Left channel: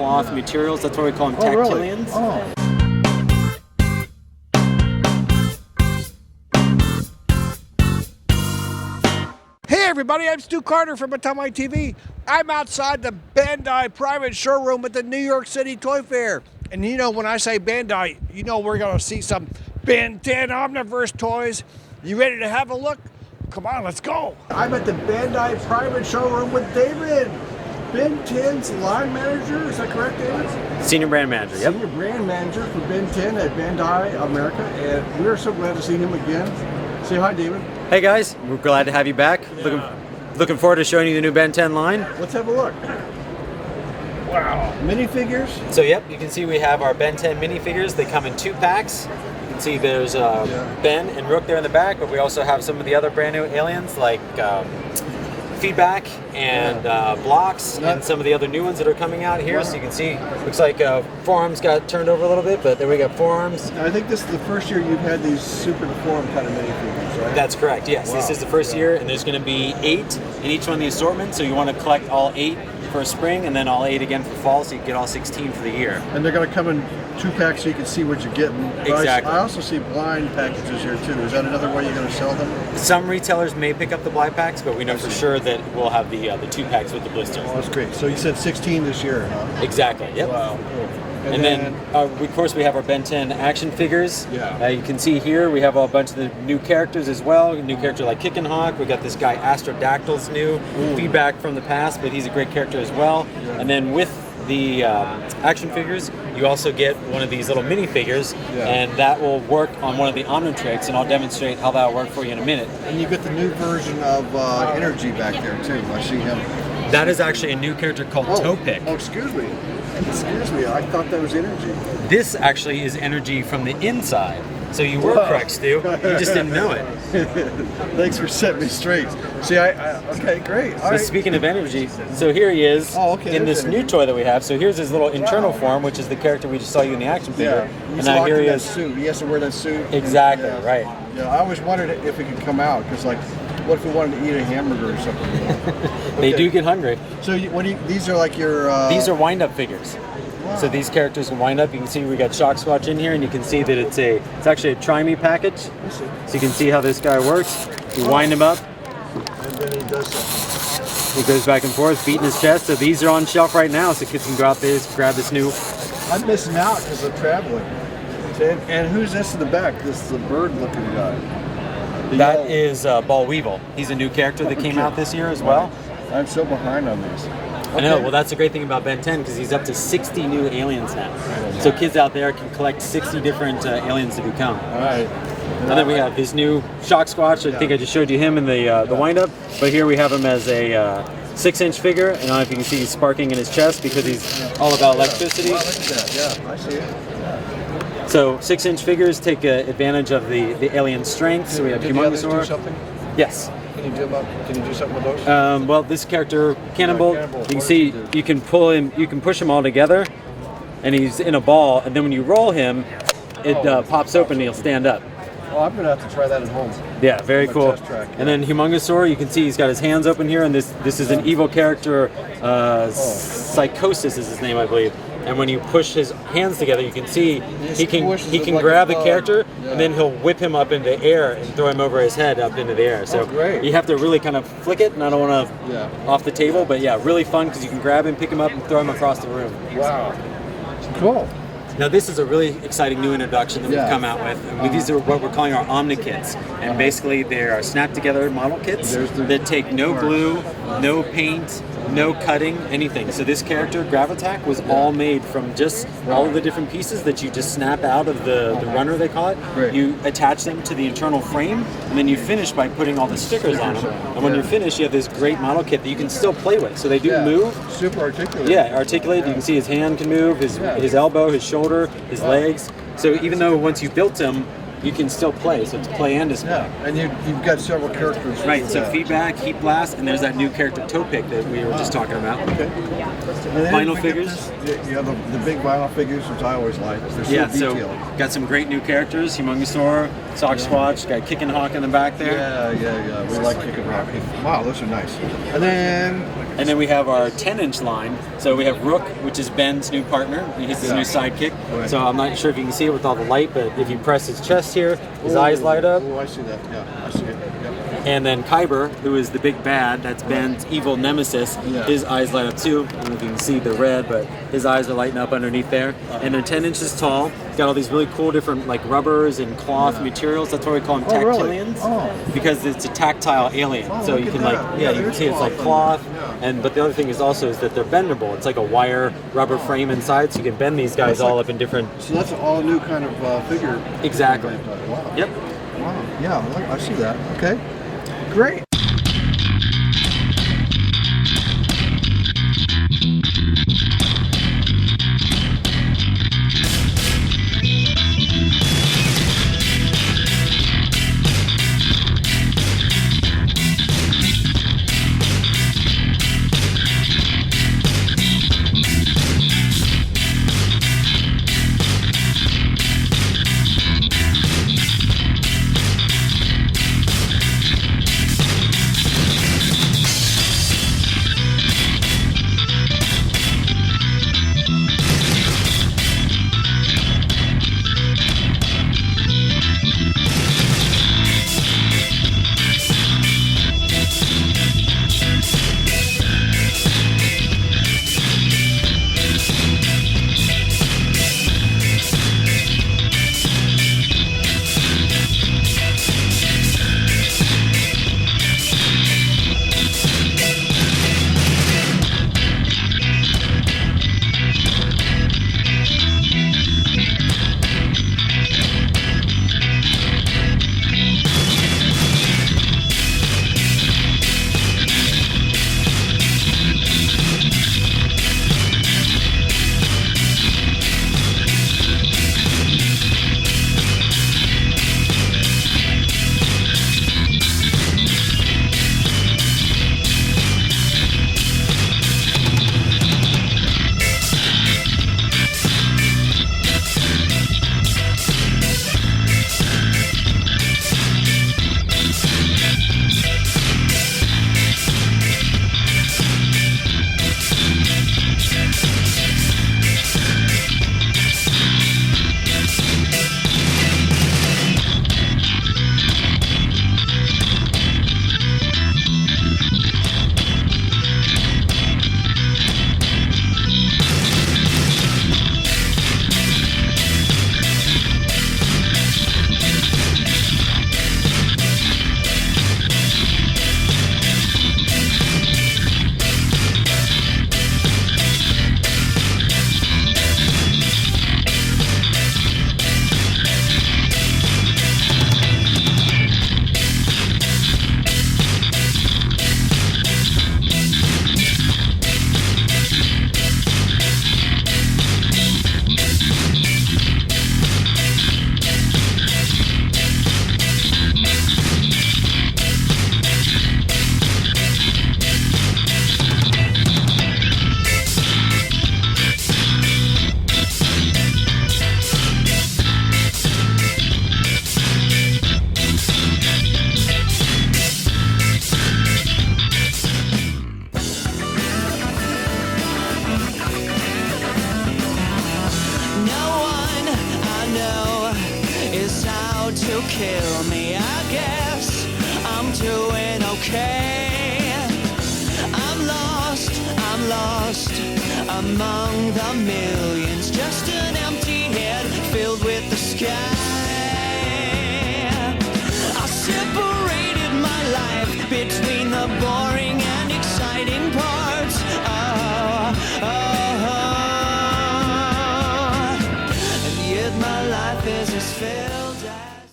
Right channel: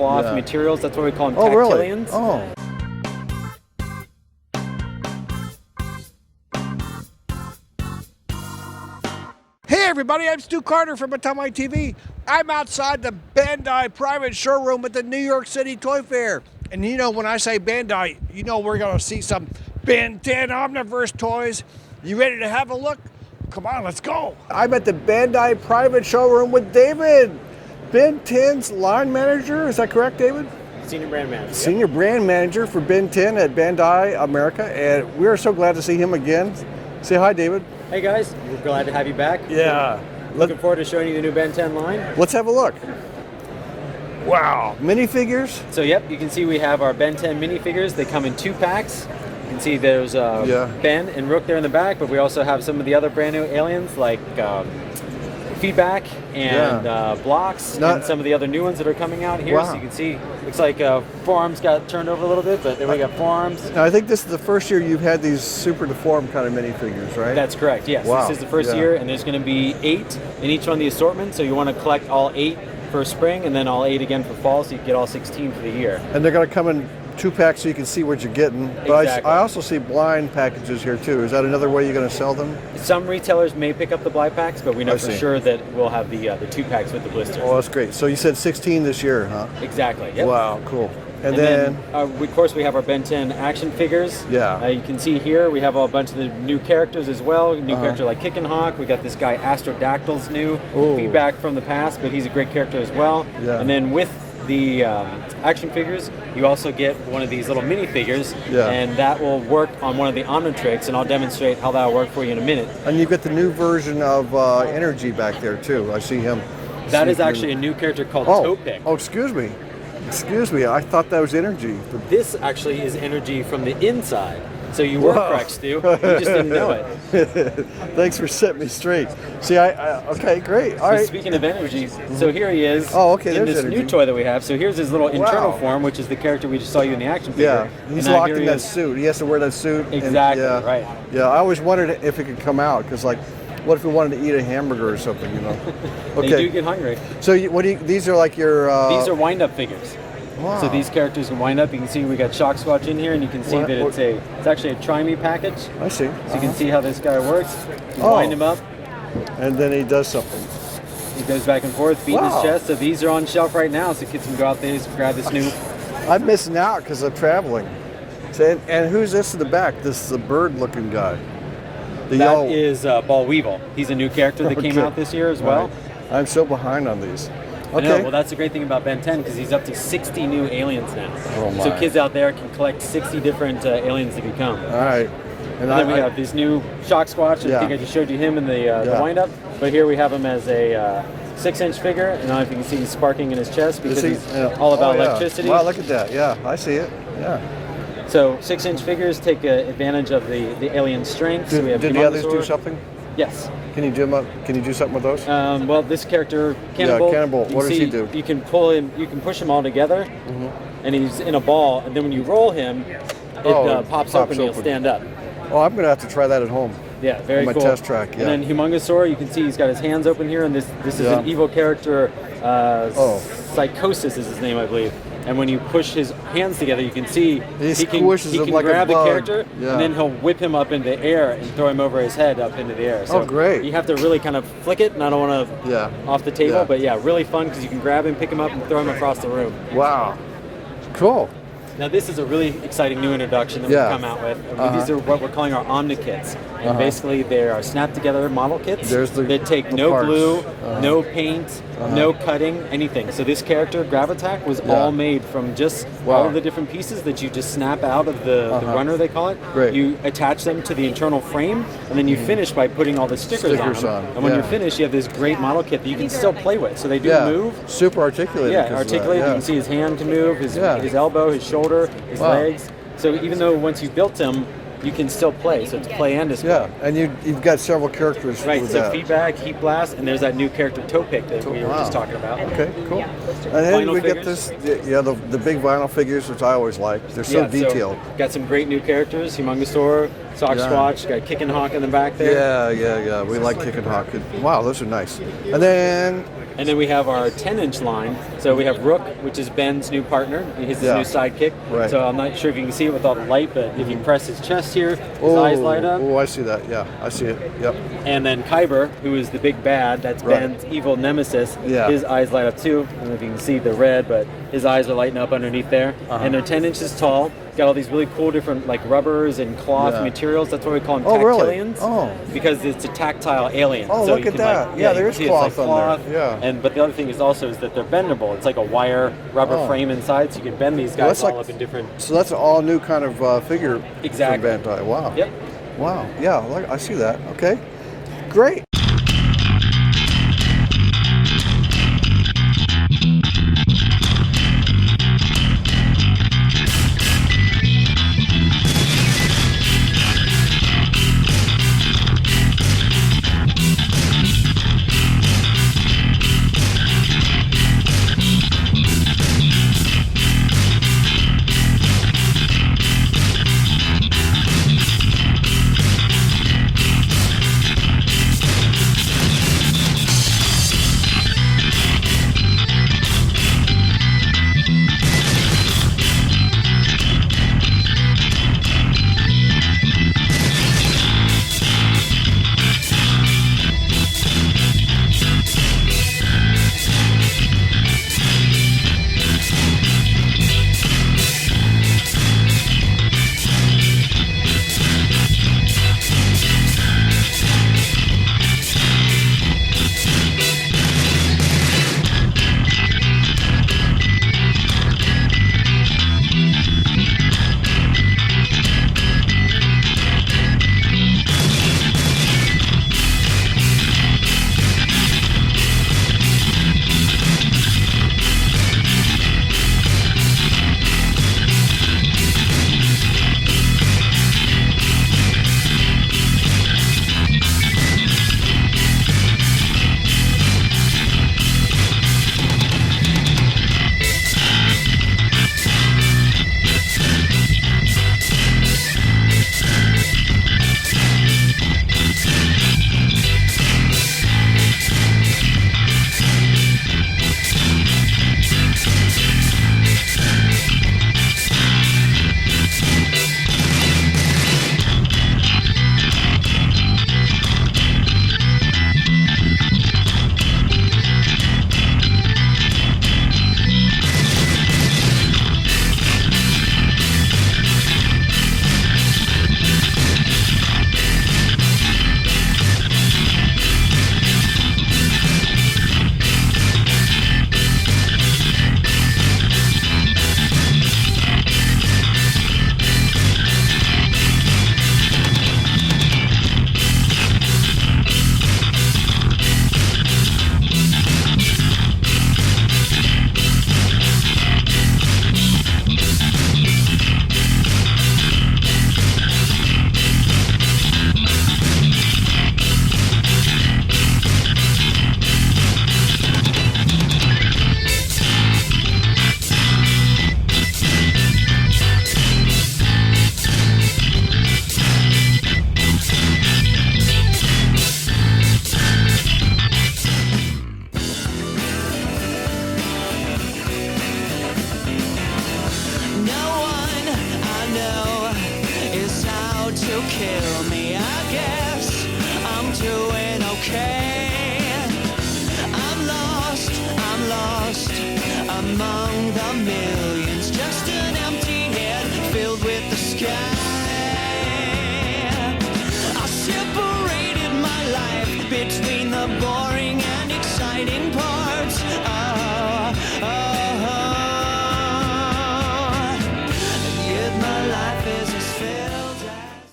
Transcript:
cloth materials. That's why we call them Oh, really? tactillions. Oh. Hey everybody, I'm Stu Carter from Atamaii TV. I'm outside the Bandai private showroom at the New York City Toy Fair. And you know, when I say Bandai, you know we're gonna see some Benton Omniverse toys. You ready to have a look? Come on, let's go. I'm at the Bandai private showroom with David, Benton's line manager. Is that correct, David? Senior brand manager. Senior brand manager for Benton at Bandai America. And we're so glad to see him again. Say hi, David. Hey guys, we're glad to have you back. Yeah. Looking forward to showing you the new Ben 10 line. Let's have a look. Wow. Minifigures. So yep, you can see we have our Ben 10 minifigures. They come in 2 packs. You can see there's Ben and Rook there in the back, but we also have some of the other brand new aliens like Feedback and Blox, and some of the other new ones that are coming out here. Wow. So you can see, looks like forearms got turned over a little bit, but there we got forearms. Now I think this is the first year you've had these super deformed kind of minifigures, right? That's correct, yes. Wow. This is the first year, and there's going to be 8 in each one of the assortment, so you want to collect all 8 for spring, and then all 8 again for fall, so you get all 16 for the year. And they're going to come in 2 packs so you can see what you're getting. But exactly. I also see blind packages here too. Is that another way you're going to sell them? Some retailers may pick up the blind packs, but we know for sure that we'll have the 2 packs with the blisters. Oh, that's great. So you said 16 this year, huh? Exactly. Yep. Wow, cool. And then of course, we have our Ben 10 action figures. Yeah. You can see here we have a bunch of the new characters as well. New character like Kick and Hawk. We got this guy AstroDactyl's new. Feedback from the past, but he's a great character as well. Yeah. And then with the action figures, you also get one of these little minifigures, and that will work on one of the Omnitrix, and I'll demonstrate how that will work for you in a minute. And you get the new version of Energy back there too. I see him. That is actually a new character called ToePick. Oh, excuse me. Excuse me, I thought that was Energy. This actually is Energy from the inside. So you were correct, Stu. You just didn't know it. Thanks for setting me straight. See, okay, great. All right. Speaking of Energy, so here he is in this new toy that we have. So here's his little internal form, which is the character we just saw you in the action figure. Yeah, he's locked in that suit. He has to wear that suit. Exactly, right. Yeah, I always wondered if it could come out, because like, what if we wanted to eat a hamburger or something, you know? They do get hungry. So these are like your... These are wind-up figures. Wow. So these characters can wind up. You can see we got Shocksquatch in here, and you can see that it's actually a Try-Me package. I see. So you can see how this guy works. You wind him up. And then he does something. He goes back and forth, beating his chest. So these are on shelf right now, so kids can go out there and grab this new. I'm missing out because I'm traveling. And who's this in the back? This is the bird-looking guy. That is Boll Weevil. He's a new character that came out this year as well. I'm so behind on these. I know. Well, that's the great thing about Ben 10, because he's up to 60 new aliens now. So kids out there can collect 60 different aliens to become. All right. And then we have this new Shocksquatch. I think I just showed you him in the wind-up. But here we have him as a 6-inch figure. And I don't know if you can see he's sparking in his chest because he's all about electricity. Wow, look at that. Yeah, I see it. Yeah. So 6-inch figures take advantage of the alien strength. So we have did the others do something? Yes. Can you do something with those? Well, this character, Cannonbolt, Cannonbolt. What does he do? You can pull him. You can push him all together, and he's in a ball. And then when you roll him, it pops open and he'll stand up. Well, I'm gonna have to try that at home. Yeah, very cool. Test track. Yeah. And then Humungousaur, you can see he's got his hands open here, and this is an evil character. Psyphosis is his name, I believe. And when you push his hands together, you can see he can like grab the character, and then he'll whip him up into the air and throw him over his head up into the air. So great. You have to really kind of flick it, and I don't want to off the table, but really fun because you can grab him, pick him up, and throw him across the room. Wow. Cool. Now this is a really exciting new introduction that we've come out with. These are what we're calling our Omni Kits. And basically they are snap together model kits that take no glue, no paint, no cutting, anything. So this character, Gravattack, was all made from just all of the different pieces that you just snap out of the runner, they call it. Great. You attach them to the internal frame, and then you finish by putting all the stickers on them. And when you finish, you have this great model kit that you can still play with. So they do move. Super articulated. Yeah, articulated. You can see his hand can move, his elbow, his shoulder, his legs. So even though once you've built him, you can still play. So it's play and display. Yeah, and you've got several characters. Right, so Feedback, Heat Blast, and there's that new character ToePick that we were just talking about. Okay, cool. And then we get this, the big vinyl figures, which I always like. They're so detailed. So got some great new characters, Humungousaur, Shocksquatch, got Kick and Hawk in the back there. Yeah, we like Kick and Hawk. Wow, those are nice. And then And then we have our 10-inch line. So we have Rook, which is Ben's new partner. He's his new sidekick. Right. So I'm not sure if you can see it with all the light, but if you press his chest here, his eyes light up. Oh, I see that. Yeah, I see it. Yep. And then Kyber, who is the big bad, that's Ben's evil nemesis. Yeah. His eyes light up too. I don't know if you can see the red, but his eyes are lighting up underneath there. And they're 10 inches tall. Got all these really cool different like rubbers and cloth materials. That's why we call them Tactilliens. Oh. Because it's a tactile alien. Oh, so look you at can that. like Yeah, you can there's see it's like cloth cloth. on there. Yeah. But the other thing is also that they're bendable. It's like a wire rubber frame inside, so you can bend these guys all up in different. So that's an all new kind of figure. Exactly. From Bandai. Wow. Yep. Wow. Yeah, I see that. Okay. Great. Kill me, I guess I'm doing okay. I'm lost among the millions, just an empty head filled with the sky. I separated my life between the boring and exciting parts. Oh.